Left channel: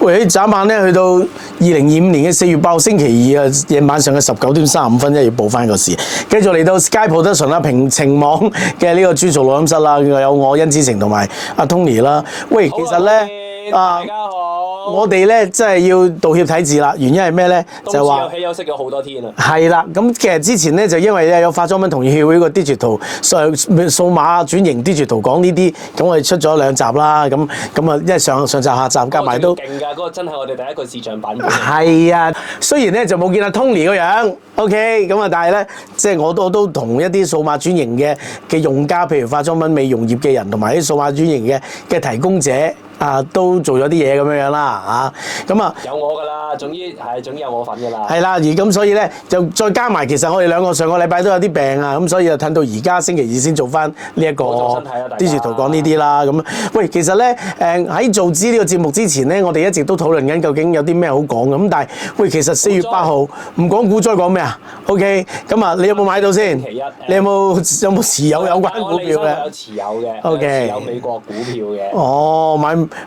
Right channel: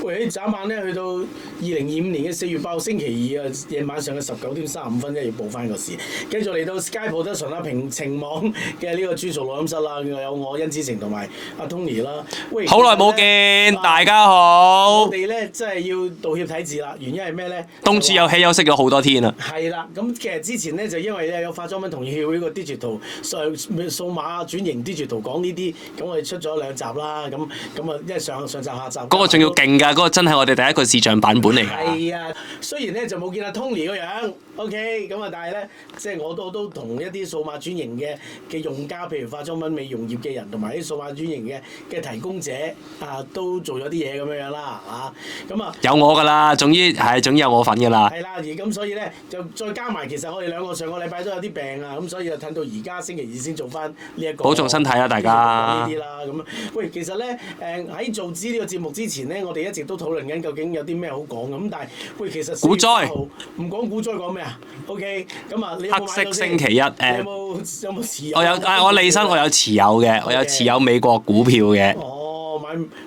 喂，眨眼咧去到2025年嘅4月8號星期二啊，夜晚上嘅19:35，一要報翻個時。繼續嚟到 Sky Production 啦，平情網嘅呢個專屬錄音室啦，有我甄子晴同埋阿 Tony 啦。喂，好耐冇見，大家好。我哋咧真係要道歉睇字啦，原因係咩咧？冬至有氣休息咗好多天啦。係啦，咁其實之前咧就因為咧有化妝品同業協會個 digital 數碼轉型 digital 講呢啲，咁我哋出咗2集啦，咁啊，因為上集下集嗰個仲要勁㗎，嗰個真係我哋第一個視像版本嚟。係啊，雖然咧就冇見阿 Tony 個樣 ，OK， 咁啊，但係咧即係我都同一啲數碼轉型嘅用家，譬如化妝品美容業嘅人，同埋啲數碼轉型嘅提供者。都做咗啲嘢咁樣啦，咁啊有我㗎啦，總之有我份㗎啦。係啦，而咁所以咧就再加埋，其實我哋兩個上個禮拜都有啲病啊，咁所以就褪到而家星期二先做翻呢一個。保重身體啦，大家。啲圖講呢啲啦，咁喂，其實咧喺做呢個節目之前咧，我哋一直都討論緊究竟有啲咩好講咁，但係喂，其實4月8號唔講股災講咩啊 ？OK， 咁啊，你有冇買到先？星期一，你有冇持有？我有買，我利申我有持有嘅，我有持有美國股票嘅。哦，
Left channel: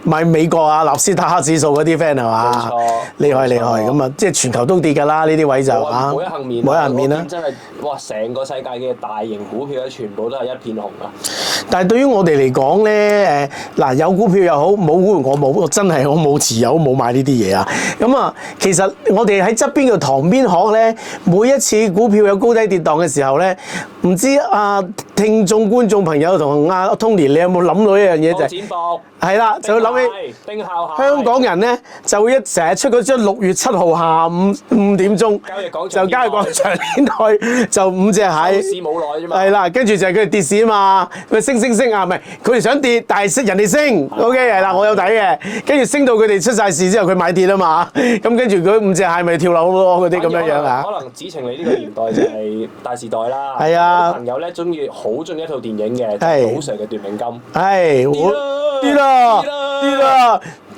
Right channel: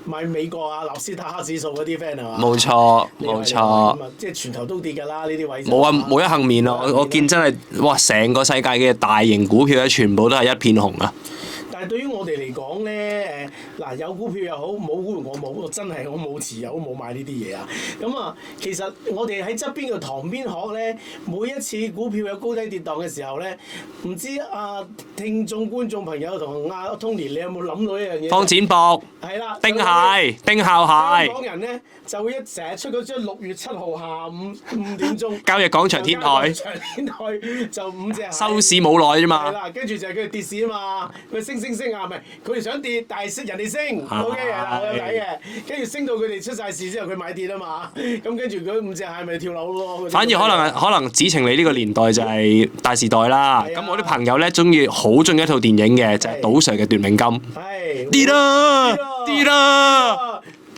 買美國啊，納斯達克指數嗰啲 friend 係嘛？冇錯，厲害咁啊！即係全球都跌㗎啦，呢啲位就冇一幸免咯。我見真係哇，成個世界嘅大型股票咧，全部都係一片紅啊！但係對於我哋嚟講咧，嗱有股票又好，冇股票我冇，我真係我冇持有，冇買呢啲嘢啊！咁啊，其實我哋喺側邊嘅塘邊鶴咧，每一次股票有高低跌檔嘅時候咧，唔知聽眾觀眾朋友同阿 Tony， 你有冇諗到一樣嘢？放錢博。係啦，丁孝蟹。香港人咧就成日出嗰張6月7號下午5點鐘交易廣場天台，就5隻蟹。收市冇耐啫嘛。係啦，跟住就係佢哋跌市啊嘛，佢升啊，唔係佢哋想跌，但係人哋升 ，OK 係啦，我有睇嘅。跟住升到佢哋出晒事之後，佢買跌啊嘛，咁跟住嗰5隻蟹咪跳樓咯。反而可能子晴你呢個年代就係大時代啦。係啊。我啲朋友咧好中意一套電影嘅，就係賭 Sir 嘅奪命金。係。跌啦！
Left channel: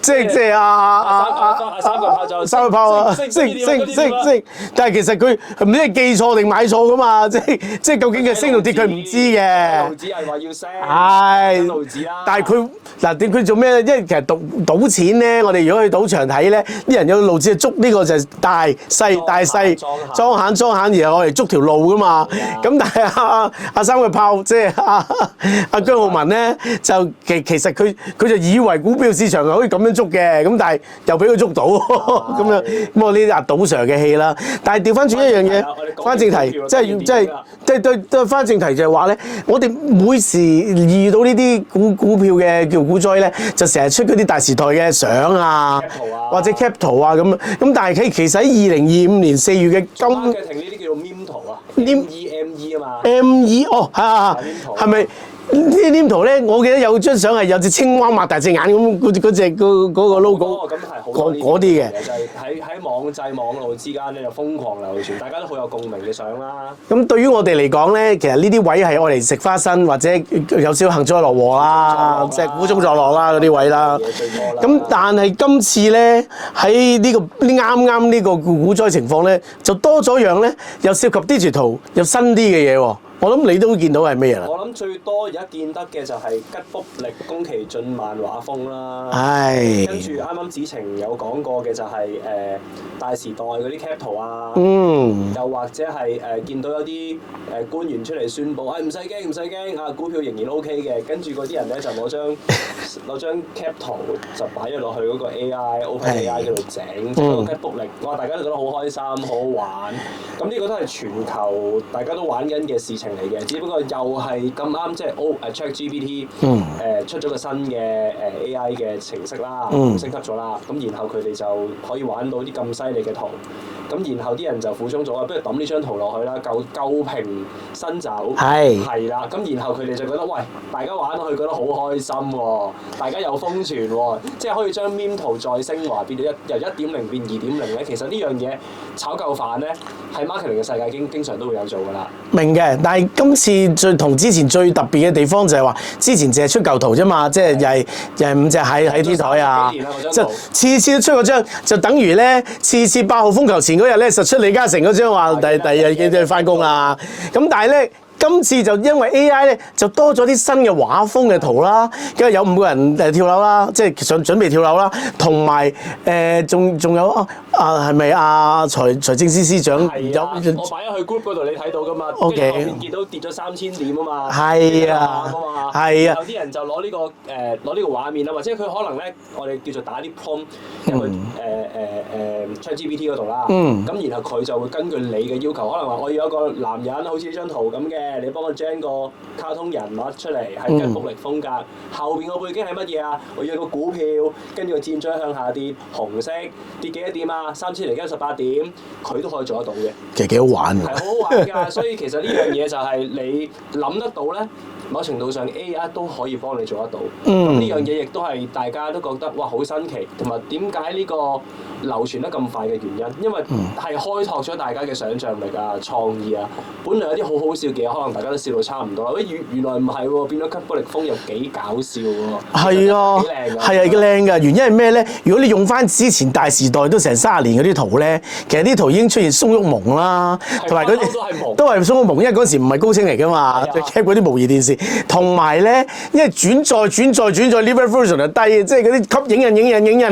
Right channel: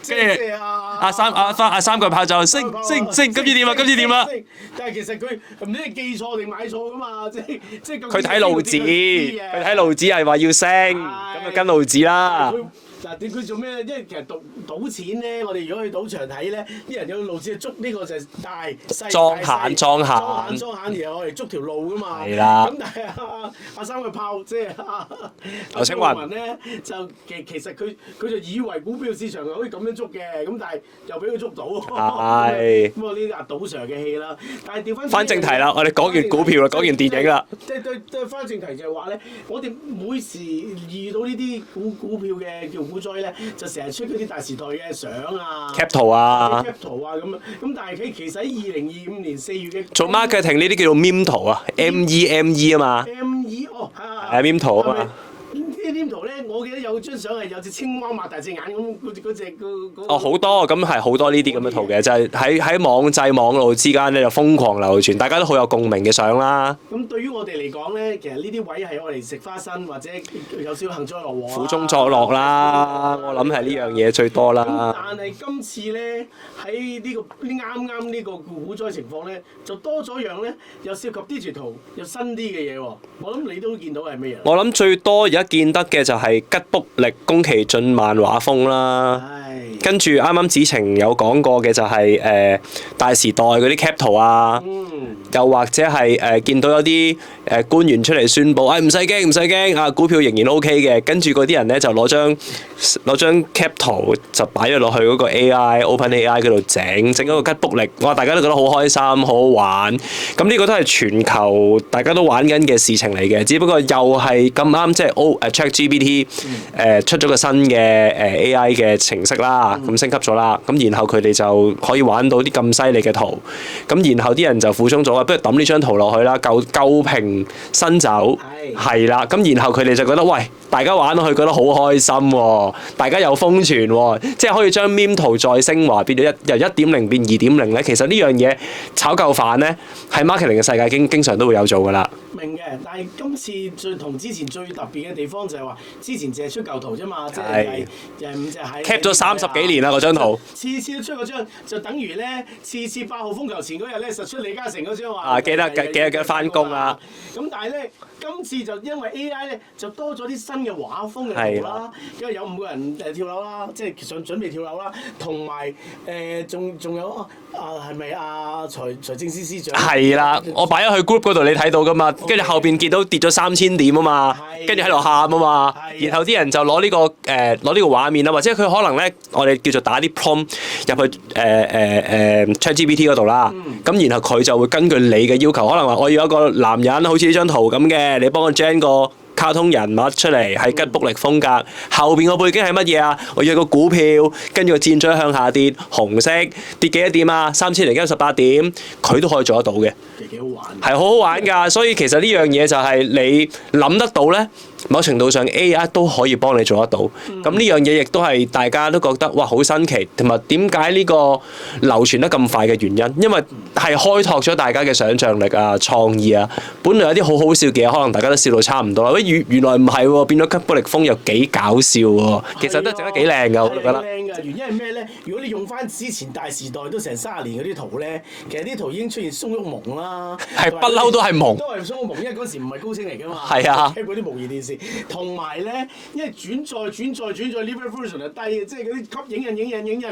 即係阿三個炮就升，今次點啊？但係其實佢唔知係記錯定買錯噶嘛，即係究竟佢升到跌佢唔知嘅。睇路子係話要升，跟路子啦。但係佢做咩咧？因為其實賭錢咧，我哋如果去賭場睇咧，啲人有路子捉呢個就係大細裝閒，然後我哋捉條路噶嘛。咁但係阿三個炮即係阿張浩文咧，就其實佢就以為股票市場係可以咁樣捉嘅，咁但係又俾佢捉到咁樣。咁我呢啲阿賭 Sir 嘅戲啦。但係調翻轉一樣嘢啦，我哋講完股票啦，講完電影啦。對翻正題就係話咧，我哋每時遇到呢啲股票嘅叫股災咧，就成日出嗰啲大時代嘅相啊 ，cap 圖啊，或者 cap 圖啊咁。但係其實喺2025年4月嘅做 marketing 呢啲叫做 meme 圖啊 ，meme 啊嘛，meme 哦係 meme 圖係咪？呢圖咧，我記得有張相係有隻青蛙擘大隻眼咁，嗰隻嗰個 logo。好多咁係好多呢啲圖嘅，就係喺網際網路之間咧就瘋狂流傳，大家都好有共鳴嘅相啦。咁對於我哋嚟講咧，其實呢啲位係我哋食花生或者有少幸災樂禍啦，苦中作樂啦，苦中作樂啦嗰啲位啦。呢樣嘢最多啦。咁但係今次咧喺啱呢個股災情況咧，就多咗樣咧，又涉及 digital 又新啲嘅嘢喎。我諗你都見到係咩啊？我諗最多而家見得嘅就係吉卜力宮崎駿漫畫風啦。跟住啱啱子晴有講過嘅就係大時代嗰啲 cap 圖啊。又或者係見到有啲官員出嚟宣佈，唔使驚啊，股票仍然 OK 嘅。跟住嗰啲人咧就攞張 cap 圖就擺咗落去嗰個 OpenAI 嗰度整嗰個吉卜力，哇！大家都覺得好開心，好好玩。咁呢個都係全球大家都玩緊嘅事情嚟嘅，只不過又係咁啱，即係ChatGPT 出咗個新嘅AI 嘅程式啦，咁升級咗啦，咁然後佢哋就可以玩到啲咁犀利嘅圖，咁然後啲人就苦衷咗，不如抌呢張圖落去啦，舊瓶新酒，係啦，咁然後佢哋就覺得喂，大家玩落去覺得好開心喎，大家有瘋傳喎，即係可以將 meme 圖再升華，變咗由 1.0 變 2.0 咧，其實呢樣嘢炒夠飯咧，喺 marketing 嘅世界經常都會有做㗎啦。明嘅，但係今次同之前最特別嘅地方就係話，之前淨係出舊圖啫嘛，即係又係5隻蟹喺啲台啊。30幾年啦嗰張圖，次次都出嗰張，就等於咧次8號風球前嗰日咧，實出李嘉誠嗰張話第日嘅翻工啊。咁但係咧。今次就因為 AI 咧，就多咗啲新嘅畫風嘅圖啦，跟住有5個人跳樓啦，即係想準備跳樓啦，同埋仲有係咪財政司司長？係啦，我擺咗去 group 嗰度，你睇到噶嘛？跟住後邊見到跌咗3000點啊嘛，跟住喺度喊啊嘛，然後啲人就攞呢個畫面啊，或者佢可能咧，我哋叫做打啲 prompt 入去ChatGPT 嗰度啦，咁然後佢就會根據你嘅要求，可能話我要一個男人好似呢張圖咁嘅，你幫我 gen 個卡通人物出嚟，係吉卜力風格，後邊個背景係乜嘢啊？我要個股票，跟住個箭嘴向下跌，紅色跌幾多點啊？3098點，佢都可以做得到嘅。其實幾好玩嘅，係好好玩㗎。所以其實呢樣嘢就係你諗得到咧，某程度上 AI 都可以幫你做得到。咁呢樣嘢亦都係大家都覺得哇好新奇，同埋點解呢個流傳得咁快嘅原因？因為係開拓咗大家嘅想像力啊、創意啊。本來有啲好好笑嘅嘢，可能大家都笑到差唔多啦。原來唔係喎，變咗吉卜力風又幾搞笑喎。其實真係幾靚㗎。係啊，幾靚㗎。原因係咩咧？如果你用翻之前大時代都成30年嗰啲圖咧，其實啲圖已經出現鬆郁蒙啦，同埋不嬲都係蒙，都係鬆郁蒙，因為嗰時唔係高清嚟㗎嘛，佢 cap 嗰啲模擬電視。同埋咧，因為轉載 live version 就低，即係嗰啲吸影印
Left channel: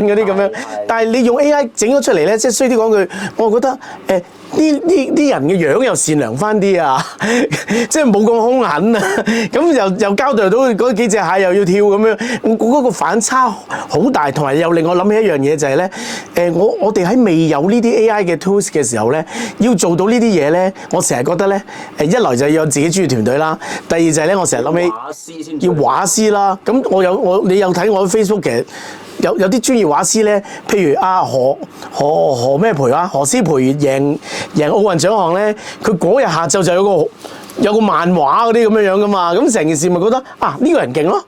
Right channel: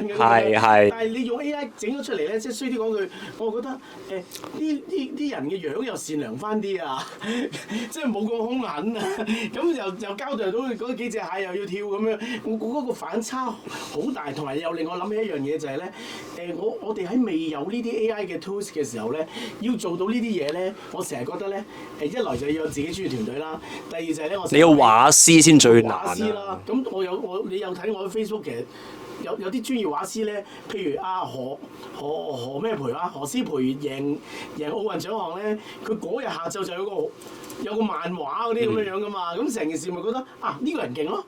嗰啲咁樣。但係你用 AI 整咗出嚟咧，即係衰啲講句，我覺得啲人嘅樣又善良翻啲啊，即係冇咁兇狠啊。咁又交代到嗰幾隻蟹又要跳咁樣，嗰個反差好大，同埋又令我諗起一樣嘢就係咧，我哋喺未有呢啲 AI 嘅 tools 嘅時候咧，要做到呢啲嘢咧，我成日覺得咧，一來就要有自己專業團隊啦，第二就係咧，我成日諗起要畫師先最畫師啦。咁你有睇我 Facebook 嘅？有啲專業畫師咧，譬如何咩培啊，何詩蓓贏奧運獎項咧，佢嗰日下晝就有個漫畫嗰啲咁樣噶嘛，咁成件事咪覺得呢個人勁咯，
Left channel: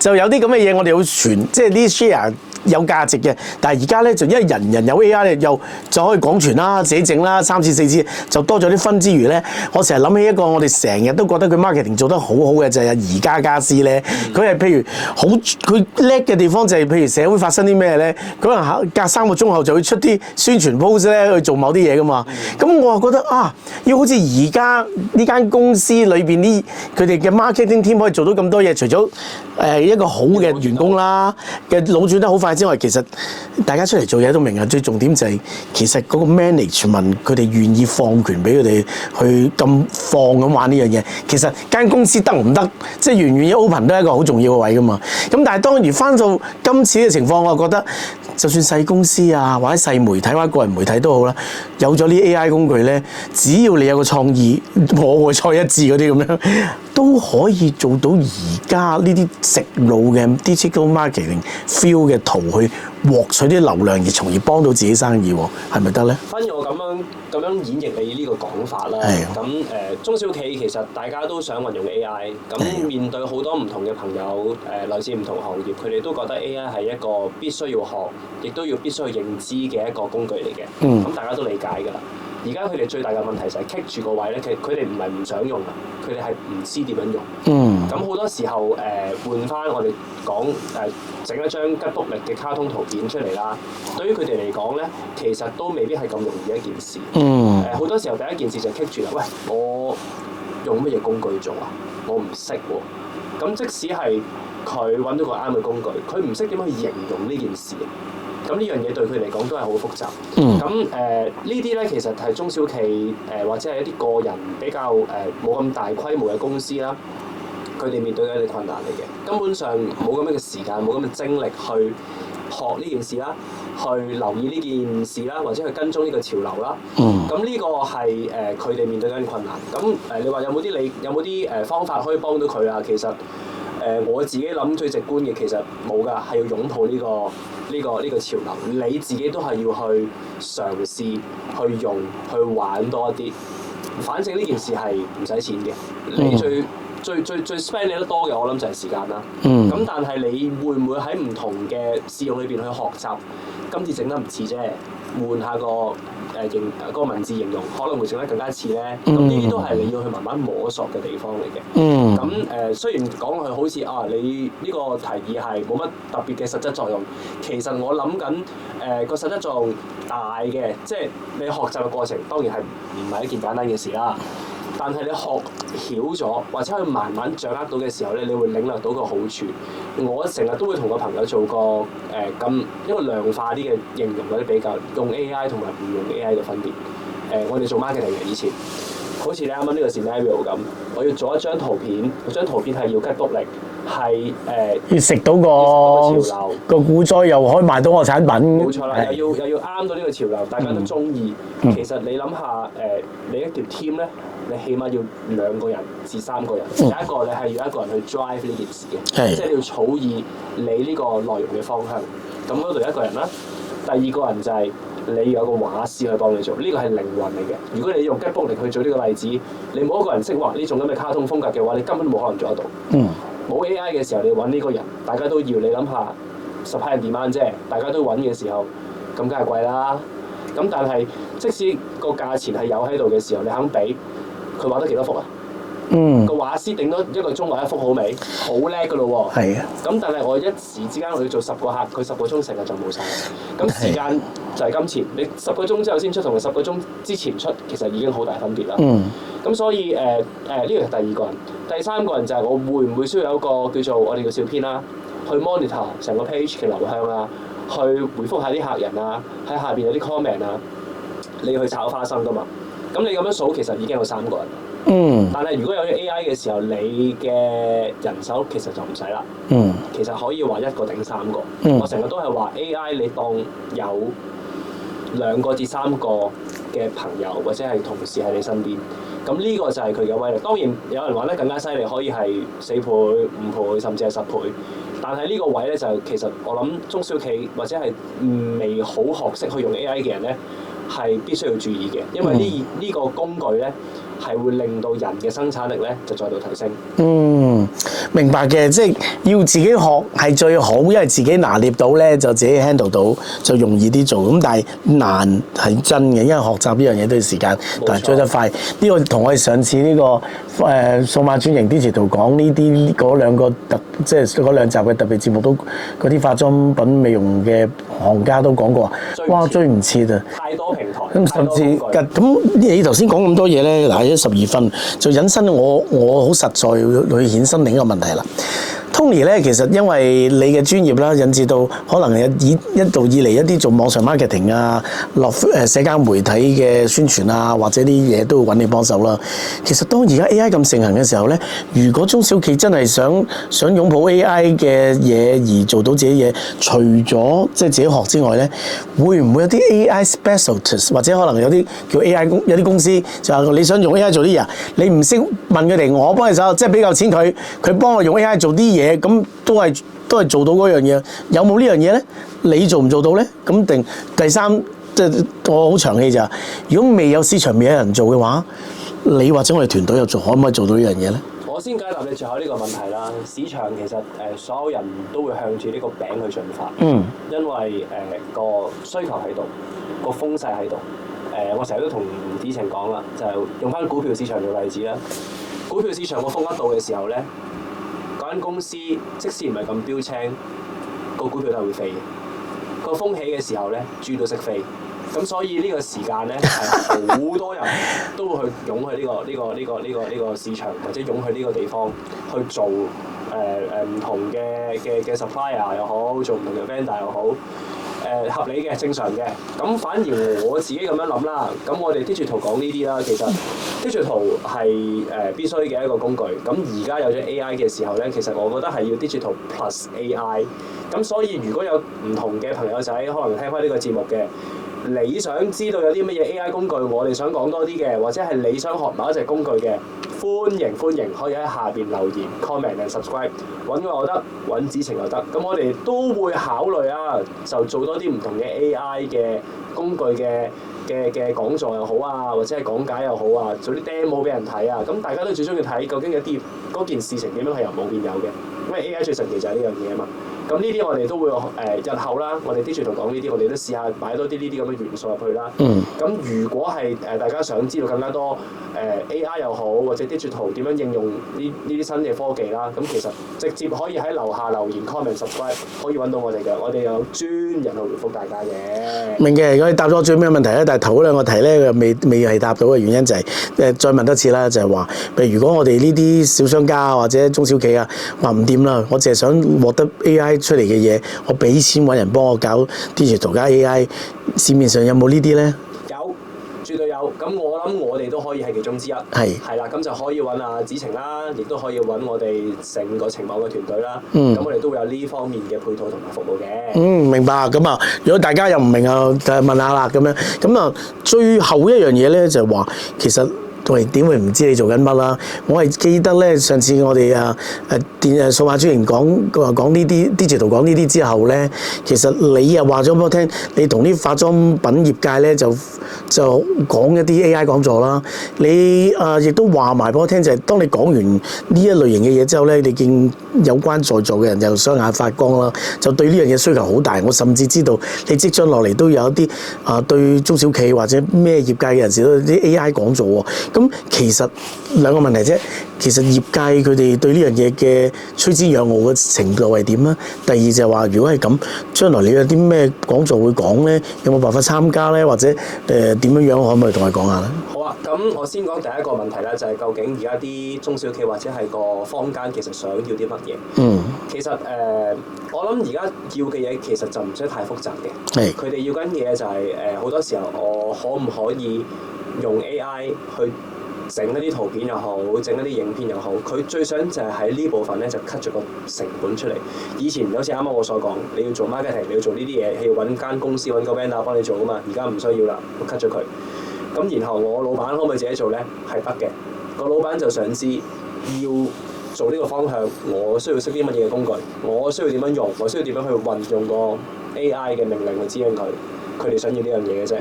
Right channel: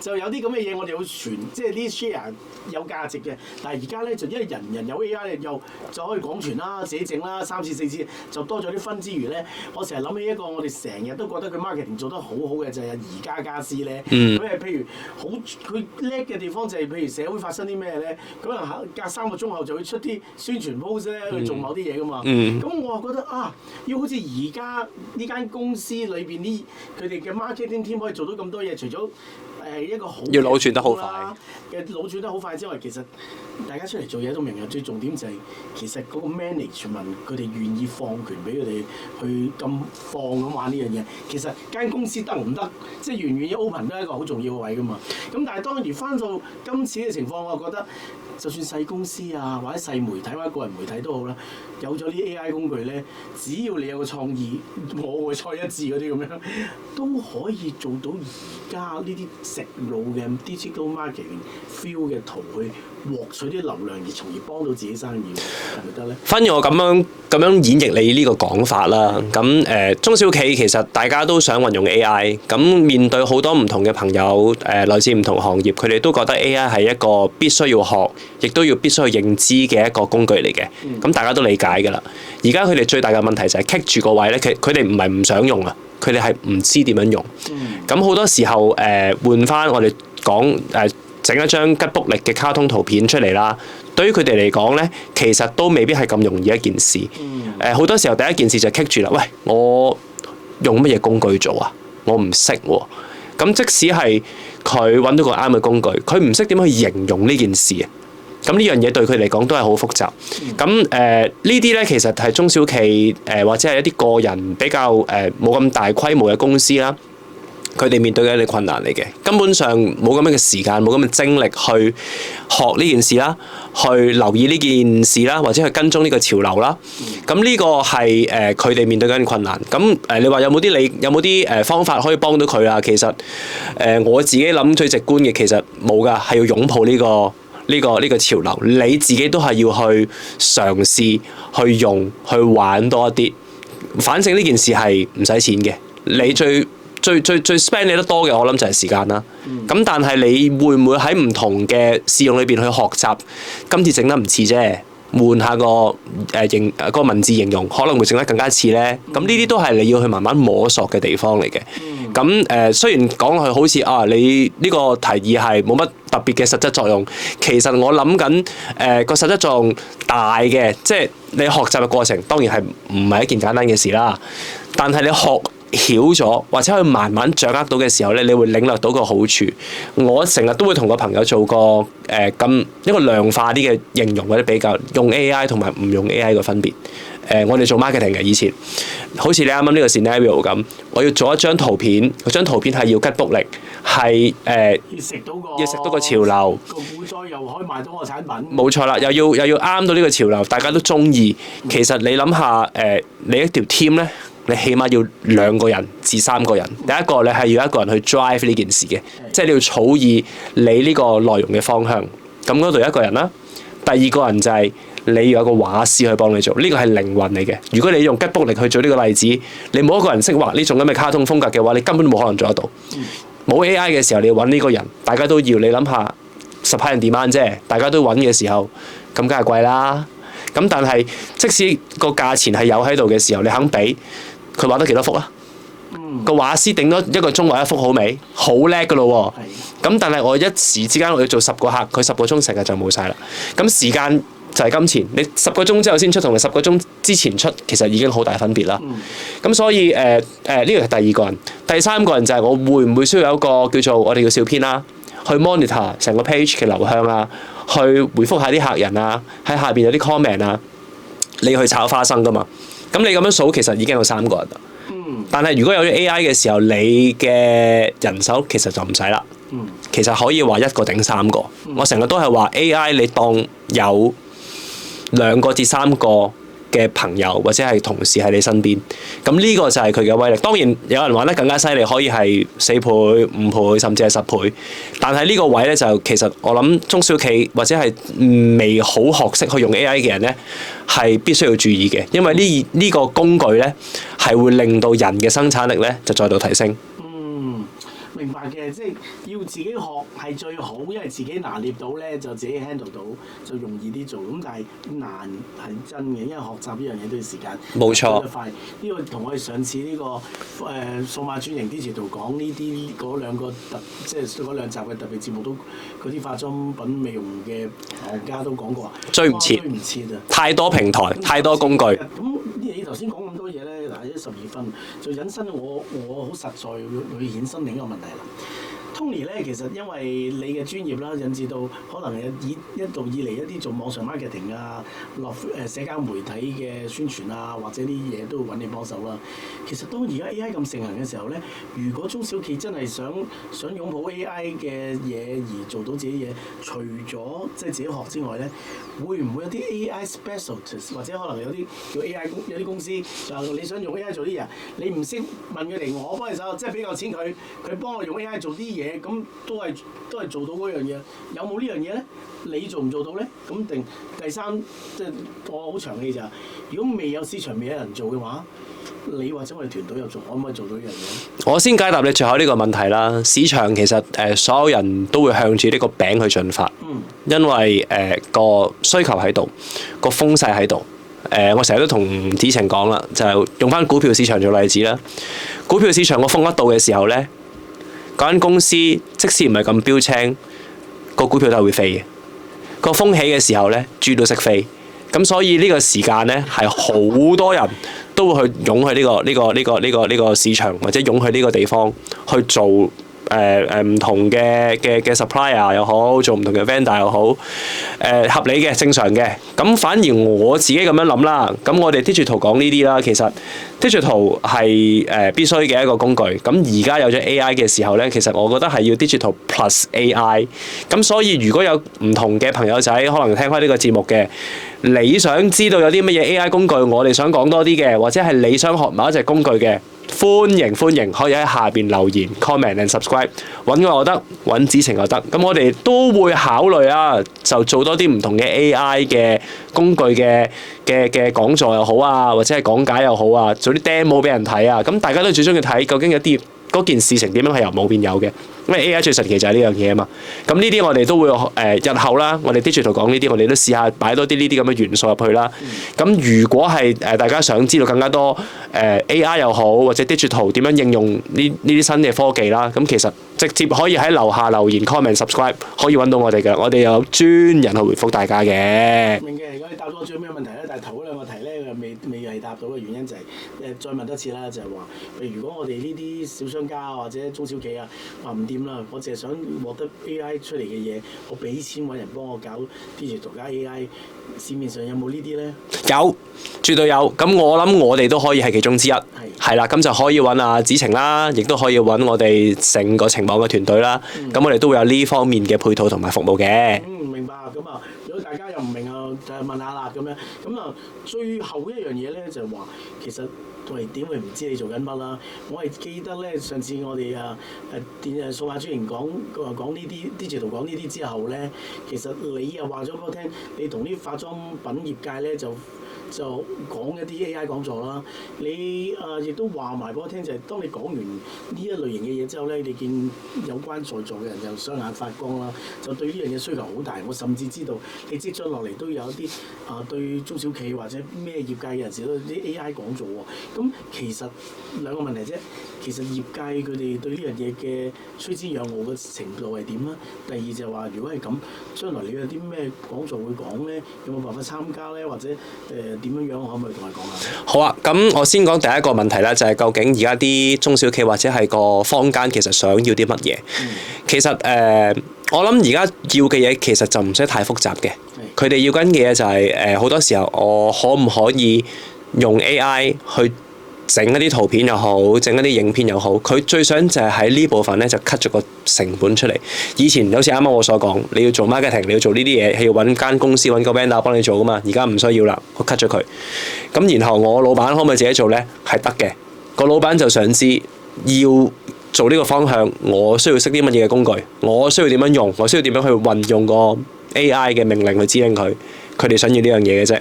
就有啲咁嘅嘢我哋要傳，即係呢 share。有價值嘅，但係而家咧就因為人有 AI 咧，又就可以廣傳啦、自己整啦，3次4次就多咗啲分之餘咧，我成日諗起一個我哋成日都覺得佢 marketing 做得好好嘅就係宜家家私咧，佢係譬如佢叻嘅地方就係譬如社會發生啲咩咧，佢可能隔3個鐘後就會出啲宣傳 post 咧去做某啲嘢噶嘛，咁我覺得要好似而家呢間公司裏邊啲佢哋嘅 marketing team 可以做到咁多嘢，除咗一個好嘅員工啦嘅腦轉得好快之外，其實大家出嚟做嘢都明啊。最重點就係其實嗰個 management 佢哋願意放權俾佢哋去咁放咁玩呢樣嘢。其實間公司得唔得，即係願唔願意 open 都係一個好重要嘅位噶嘛。咁但係當然翻到今次嘅情況，我覺得就算細公司啊或者細媒體或者個人媒體都好啦，有咗呢 AI 工具咧，只要你有個創意，我會再一致嗰啲咁樣，都可以做到而家呢啲直路嘅 digital marketing feel 嘅圖去獲取啲流量，而從而幫到自己生意，係咪得咧？反而我咁樣演繹你呢個講法啦。咁中小企其實大家都想運用 AI，咁面對好多唔同嘅朋友，來自唔同行業，佢哋都覺得 AI 係一個必須要學，亦都要必須去認知嘅一個工具嚟嘅。咁大家都理解㗎啦。而家佢哋最大嘅問題就係棘住個位咧，佢哋唔係唔想用啊，佢哋係唔知點樣用。咁好多時候換翻我哋講整一張吉卜力嘅卡通圖片出嚟啦，對於佢哋嚟講咧，其實都未必係咁容易一件事。好多時候第一件事就棘住啦，喂，我用乜嘢工具做啊？我唔識喎。咁即使係佢揾到個啱嘅工具，佢唔識點去形容呢件事啊。咁呢樣嘢對佢嚟講都係好複雜。咁呢啲咧其實係中小企或者係一啲個人比較冇咁大規模嘅公司啦，佢哋面對嘅一啲困難嚟嘅，根本上冇咁樣嘅時間，冇咁嘅精力去學呢件事啦，去留意呢件事啦，或者去跟蹤呢個潮流啦。咁呢個係佢哋面對緊嘅困難。咁你話有冇啲方法可以幫到佢啊？其實我自己諗最直觀嘅，其實冇㗎，係要擁抱呢個潮流。你自己都係要去嘗試去用去玩多一啲。反正呢件事係唔使錢嘅，你最 spend 你得多嘅，我諗就係時間啦。咁但係你會唔會喺唔同嘅試用裏邊去學習？今次整得唔似啫，換下個文字形容，可能會整得更加似咧。咁呢啲都係你要去慢慢摸索嘅地方嚟嘅。咁雖然講落去好似你呢個提議係冇乜特別嘅實質作用，其實我諗緊個實質作用大嘅，即係你學習嘅過程當然係唔係一件簡單嘅事啦。但係你學曉咗或者去慢慢掌握到嘅時候咧，你會領略到個好處。我成日都會同個朋友做個一個量化啲嘅形容或者比較，用 AI 同埋唔用 AI 嘅分別。我哋做 marketing 嘅以前，好似你啱啱呢個 scenario 咁，我要做一張圖片，嗰張圖片係要吉卜力，係要食到個潮流，個股災又可以賣到我產品。冇錯啦，又要啱到呢個潮流，大家都中意。其實你諗下你一條 team 咧，你起碼要2個人至3個人。第一個你係要一個人去 drive 呢件事嘅，即係你要草擬你呢個內容嘅方向。咁嗰度一個人啦，第二個人就係你要有個畫師去幫你做，呢個係靈魂嚟嘅。如果你用吉卜力去做呢個例子，你冇一個人識畫呢種咁嘅卡通風格嘅話，你根本都冇可能做得到。冇 AI 嘅時候，你要揾呢個人，大家都要。你諗下，supply and demand啫，大家都揾嘅時候，咁梗係貴啦。咁但係即使個價錢係有喺度嘅時候，你肯俾，佢畫得幾多幅啊？個畫師頂多1個鐘畫1幅好未？好叻㗎咯喎！咁但係我一時之間我要做10個客，佢10個鐘成日就冇晒啦。咁時間就係金錢，你10個鐘之後先出，同你10個鐘之前出，其實已經好大分別啦。咁所以呢個係第2個人，第3個人就係我會唔會需要有一個叫做我哋叫小編啦，去 monitor 成個 page 嘅流向啊，去回覆下啲客人啊，喺下邊有啲 comment 啊，你要去炒花生㗎嘛。咁你咁樣數其實已經有3個人。但係如果有咗 AI 嘅時候，你嘅人手其實就唔使啦。其實可以話1個頂3個。我成日都係話 AI 你當有2個至3個嘅朋友或者係同事喺你身邊，咁呢個就係佢嘅威力。當然有人玩得更加犀利，可以係4倍、5倍甚至係10倍。但係呢個位咧就其實我諗中小企或者係未好學識去用 AI 嘅人咧，係必須要注意嘅，因為呢個工具咧係會令到人嘅生產力咧就再度提升。明白嘅，即係要自己學係最好，因為自己拿捏到咧就自己 handle 到就容易啲做。咁但係難係真嘅，因為學習呢樣嘢都要時間，但係追得快。呢個同我哋上次呢個數碼轉型 Digital 講呢啲嗰2個即係嗰2集嘅特別節目都嗰啲化妝品美容嘅行家都講過，追唔切啊！太多平台，太多工具。咁你頭先講咁多嘢咧，嗱12分就引申我好實在去衍生另一個問題啦。Tony 咧，其實因為你嘅專業啦，引致到可能一路以嚟一啲做網上 marketing 啊、落社交媒體嘅宣傳啊，或者啲嘢都會揾你幫手啦。其實當而家 AI 咁盛行嘅時候咧，如果中小企真係想擁抱 AI 嘅嘢而做到自己嘢，除咗即係自己學之外咧，會唔會有啲 AI specialist 或者可能有啲叫 AI 有啲公司就係你想用 AI 做啲嘢，你唔識問佢哋，我幫你手，即係俾夠錢佢幫我用 AI 做啲嘢。咁都係做到嗰樣嘢，有冇呢樣嘢咧？你做唔做到咧？咁定第三，即係我好長氣就係，如果未有市場，未有人做嘅話，你或者我哋團隊又可唔可以做到呢樣嘢咧？我先解答你最後呢個問題啦。市場其實所有人都會向住呢個餅去進發，因為個需求喺度，個風勢喺度。我成日都同子晴講啦，就係用翻股票市場做例子啦。股票市場個風一到嘅時候咧，嗰間公司即使唔係咁標青，個股票都係會飛嘅。個風起嘅時候咧，豬都識飛。咁所以呢個時間咧係好多人都會去湧去呢個市場，或者湧去呢個地方去做唔同嘅 supplier 又好，做唔同嘅 vendor 又好，合理嘅正常嘅。咁反而我自己咁樣諗啦，咁我哋 Digital 講呢啲啦，其實 Digital 係必須嘅一個工具。咁而家有咗 AI 嘅時候咧，其實我覺得係要 Digital plus AI。咁所以如果有唔同嘅朋友仔可能聽開呢個節目嘅，你想知道有啲乜嘢 AI 工具，我哋想講多啲嘅，或者係你想學某一隻工具嘅，歡迎可以喺下邊留言 comment and subscribe， 揾我又得，揾子晴又得。咁我哋都會考慮啊，就做多啲唔同嘅 AI 嘅工具嘅講座又好啊，或者係講解又好啊，做啲 demo 俾人睇啊。咁大家都最中意睇究竟有啲嗰件事情點樣係由冇變有嘅。因為 AI 最神奇就係呢樣嘢啊嘛。咁呢啲我哋都會日後啦，我哋 Digital 講呢啲，我哋都試下擺多啲呢啲咁嘅元素入去啦。咁如果係大家想知道更加多AI 又好，或者 Digital 點樣應用呢啲新嘅科技啦，咁其實直接可以喺樓下留言 comment subscribe 可以揾到我哋嘅，我哋有專人去回覆大家嘅。明嘅，我哋答咗最尾嘅問題咧，但係頭嗰兩個題咧未係答到嘅原因就係再問多次啦，就係話，譬如如果我哋呢啲小商家或者中小企啊話唔掂啦，我淨係想獲得 AI 出嚟嘅嘢，我俾錢揾人幫我搞 Digital 加 AI， 市面上有冇呢啲咧？有。絕對有，咁我諗我哋都可以係其中之一，係啦，咁就可以揾阿子晴啦，亦都可以揾我哋成個情網嘅團隊啦，咁我哋都會有呢方面嘅配套同埋服務嘅。明白。咁啊，如果大家又唔明啊，就問下啦咁樣。咁啊，最後一樣嘢咧就係話，其實我哋點會唔知你做緊乜啦？我係記得咧，上次我哋數碼專員講呢啲 Digital 講呢啲之後咧，其實你又話咗俾我聽，你同啲化妝品業界咧就講一啲 AI 講座啦。你亦都話埋俾我聽，就係當你講完呢一類型嘅嘢之後咧，你見有關在座嘅人又雙眼發光啦，就對呢樣嘢需求好大。我甚至知道你即將落嚟都有一啲對中小企或者咩業界嘅人士都有啲 AI 講座喎。咁其實兩個問題啫。其實業界佢哋對呢樣嘢嘅趨之若鶩嘅程度係點咧？第二就係話，如果係咁，將來你有啲咩講座會講咧？有冇辦法參加咧？或者點樣可唔可以同佢講下咧？好啊，咁我先講第一個問題啦，就係究竟而家啲中小企或者係個坊間其實想要啲乜嘢？其實我諗而家要嘅嘢其實就唔使太複雜嘅。佢哋要緊嘅嘢就係好多時候，我可唔可以用 AI 去整一啲圖片又好，整一啲影片又好，佢最想就係喺呢部分咧就 cut 咗個成本出嚟。以前好似啱啱我所講，你要做 marketing， 你要做呢啲嘢係要揾間公司揾個 vendor 幫你做噶嘛，而家唔需要啦，我 cut 咗佢。咁然後我老闆可唔可以自己做咧？係得嘅。個老闆就想知要做呢個方向，我需要識啲乜嘢嘅工具，我需要點樣用，我需要點樣去運用個 AI 嘅命令去指令佢。佢哋想要呢樣嘢嘅啫。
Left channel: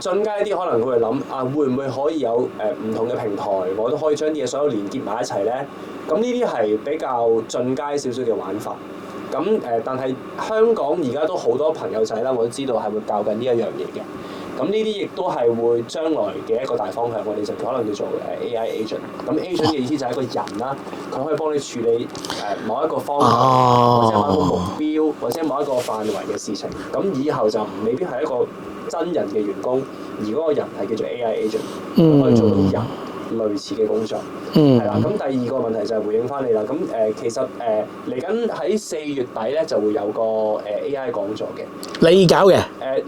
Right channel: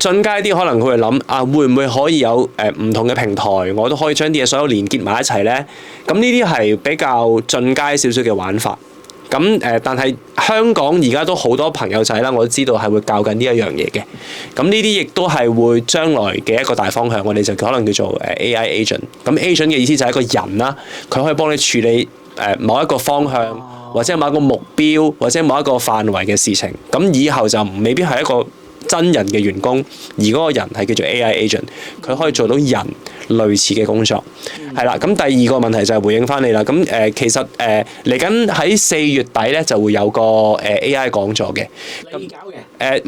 進階啲可能佢會諗會唔會可以有唔同嘅平台，我都可以將啲嘢所有連結埋一齊咧？咁呢啲係比較進階少少嘅玩法。咁但係香港而家都好多朋友仔啦，我都知道係會教緊呢一樣嘢嘅。咁呢啲亦都係會將來嘅一個大方向，我哋就可能叫做AI agent。咁 agent 嘅意思就係一個人啦，佢可以幫你處理某一個方向，或者某一個目標，或者某一個範圍嘅事情。咁以後就未必係一個真人嘅員工，而嗰個人係叫做 AI agent，佢可以做到人類似嘅工作，係啦。咁第二個問題就係回應翻你啦。咁其實嚟緊喺4月底咧就會有個AI 講座嘅。你搞嘅？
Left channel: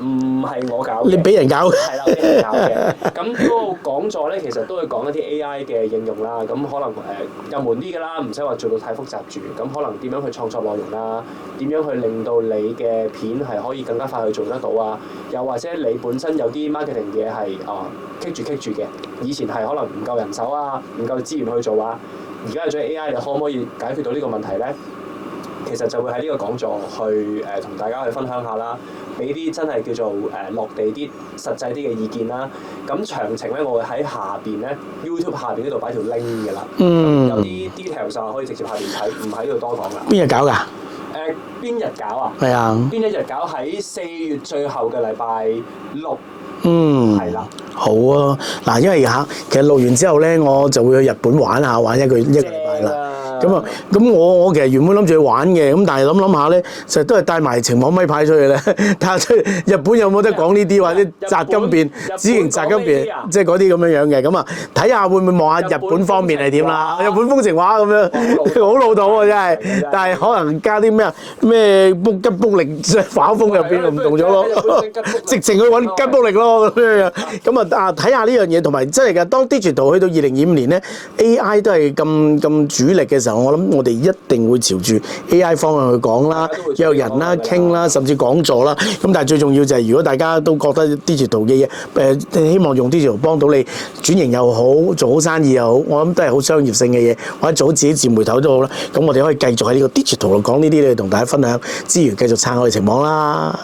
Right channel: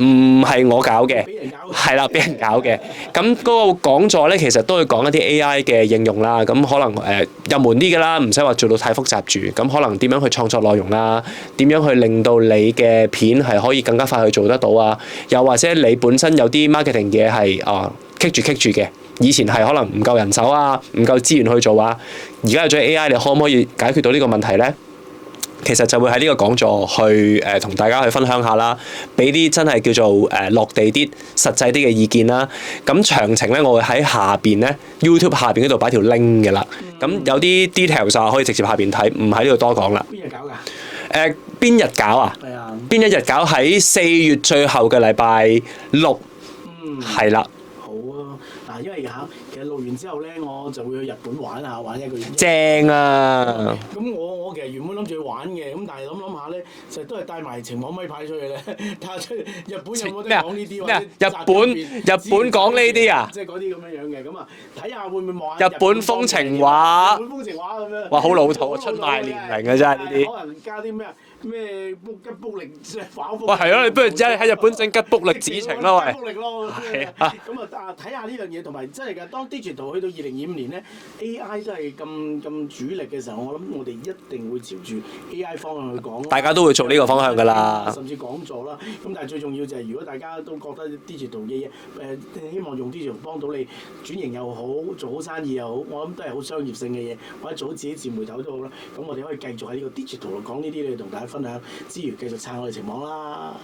唔係我搞嘅。俾人搞。係啦，俾人搞嘅。咁嗰個講座咧，其實都會講一啲 AI 嘅應用啦。咁可能入門啲嘅啦，唔使話做到太複雜住。咁可能點樣去創作內容啦？點樣去令到你嘅片係可以更加快去做得到啊？又或者你本身有啲 marketing 嘢係棘住嘅，以前係可能唔夠人手啊，唔夠資源去做啊，而家有咗 AI， 你可唔可以解決到呢個問題咧？其實就會喺呢個講座去同大家去分享下啦，俾啲真係叫做落地啲、實際啲嘅意見啦。咁詳情咧，我會喺下邊咧 YouTube 下邊嗰度擺條 link 嘅啦。咁有啲 details 就可以直接下邊睇，唔喺呢度多講啦。邊日搞㗎？邊日搞啊？係啊。邊一日搞？喺4月最後嘅禮拜6。係啦。好啊！嗱，因為其實錄完之後咧，我就會去日本玩一個正啊！咁我其實原本諗住去玩嘅，咁但係諗下咧，實都係帶埋情網咪牌出去咧，睇下出日本有冇得講呢啲，或者摘金片、資源摘金片，即係嗰啲咁樣嘅。咁啊，睇下會唔會望下日本方面係點啊？日本風情畫咁樣，好老土啊！真係，但係可能加啲咩吉卜力反風入邊唔同咗咯。喺日本整吉卜力，直情去揾吉卜力咯咁樣。睇下呢樣嘢，同埋真係㗎。當 Digital 去到2025年咧 ，AI 都係咁主力嘅時候，我諗我哋一定會朝住 AI 方向去講啦。大家都會做呢個方向㗎啦，傾啦，甚至講座啦。咁但係最重要就係，如果大家都覺得 Digital 嘅嘢，希望用 Digital 幫到你轉型又好，做好生意又好，我諗都係好商業性嘅嘢，或者做好自己自媒體都好啦。咁我哋可以繼續喺呢個 Digital 度講呢啲咧，同大家分享之餘，繼續撐我哋情網啦。